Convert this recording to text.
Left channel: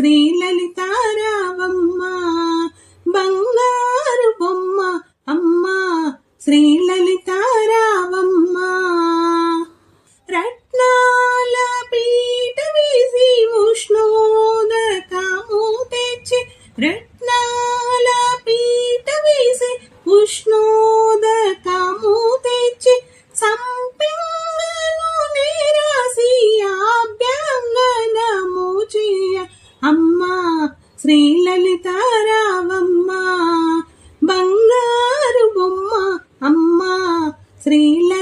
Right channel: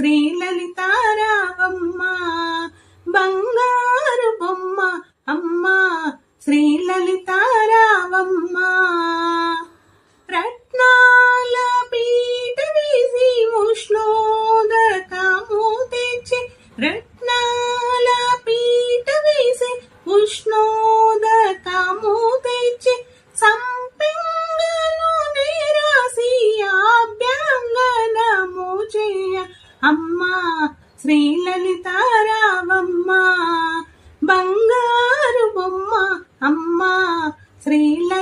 శ్రీలలితారావమ్మ బంగారు బొమ్మ అమ్మ శ్రీలలితారావమ్మ రత్నాల పీట వేసి ఉష్ణోదకము తెచ్చి రత్నాల పీట వేసి ఉష్ణోదకము తెచ్చి సంపెంగను నేరాసి అభ్యంగనము చేయ అమ్మ శ్రీలలితారావమ్మ బంగారు బొమ్మ అమ్మ శ్రీల